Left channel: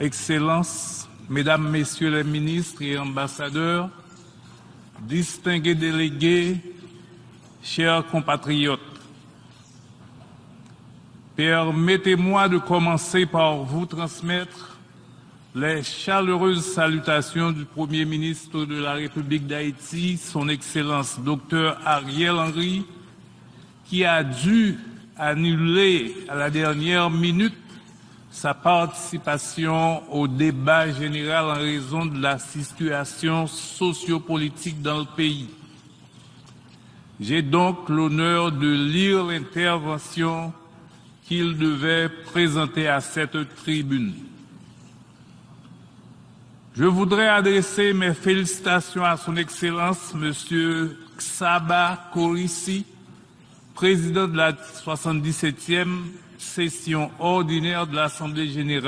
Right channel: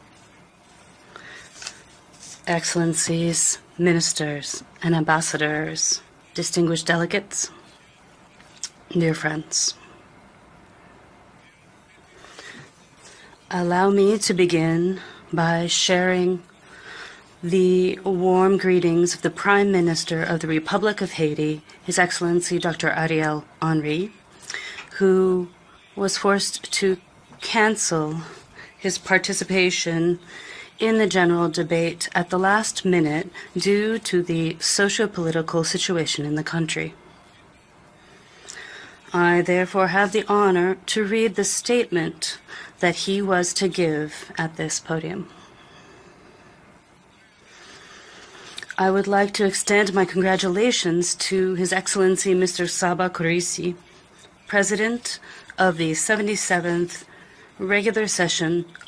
Excellences, Mesdames, Messieurs les ministres et Excellencies, ambassadeurs, ministers, and ambassadors, distingués délégués, distinguished delegates, chers compatriotes, dear friends. permettez-moi de commencer par Allow vous me to transmettre begin by les sharing chaleureuses salutations du the Premier warm ministre de la greetings of the République Prime d'Haïti, Minister of son the Republic of Excellence Haiti, Dr. His Excellency Henry, Dr. Ariel Henry, qui a dû who annuler was à la forced dernière to minute cancel sa his participation participation au débat in the général general en raison debate de at la the last minute situation due to the sociopolitique dans le pays. socio-political situation in the country. J'ai donc l'honneur de lire I therefore have the l'intervention honor to read the qu'il devait statement présenter à that he cette was to tribune. give at this podium. Je voudrais adresser mes I félicitations would à like son to extend my Excellence, congratulations to His Saba Excellency Mr. Kourisi, Saba Kourisi, président de la President of the 77e 77th session ordinaire de regular l'Assemblée session générale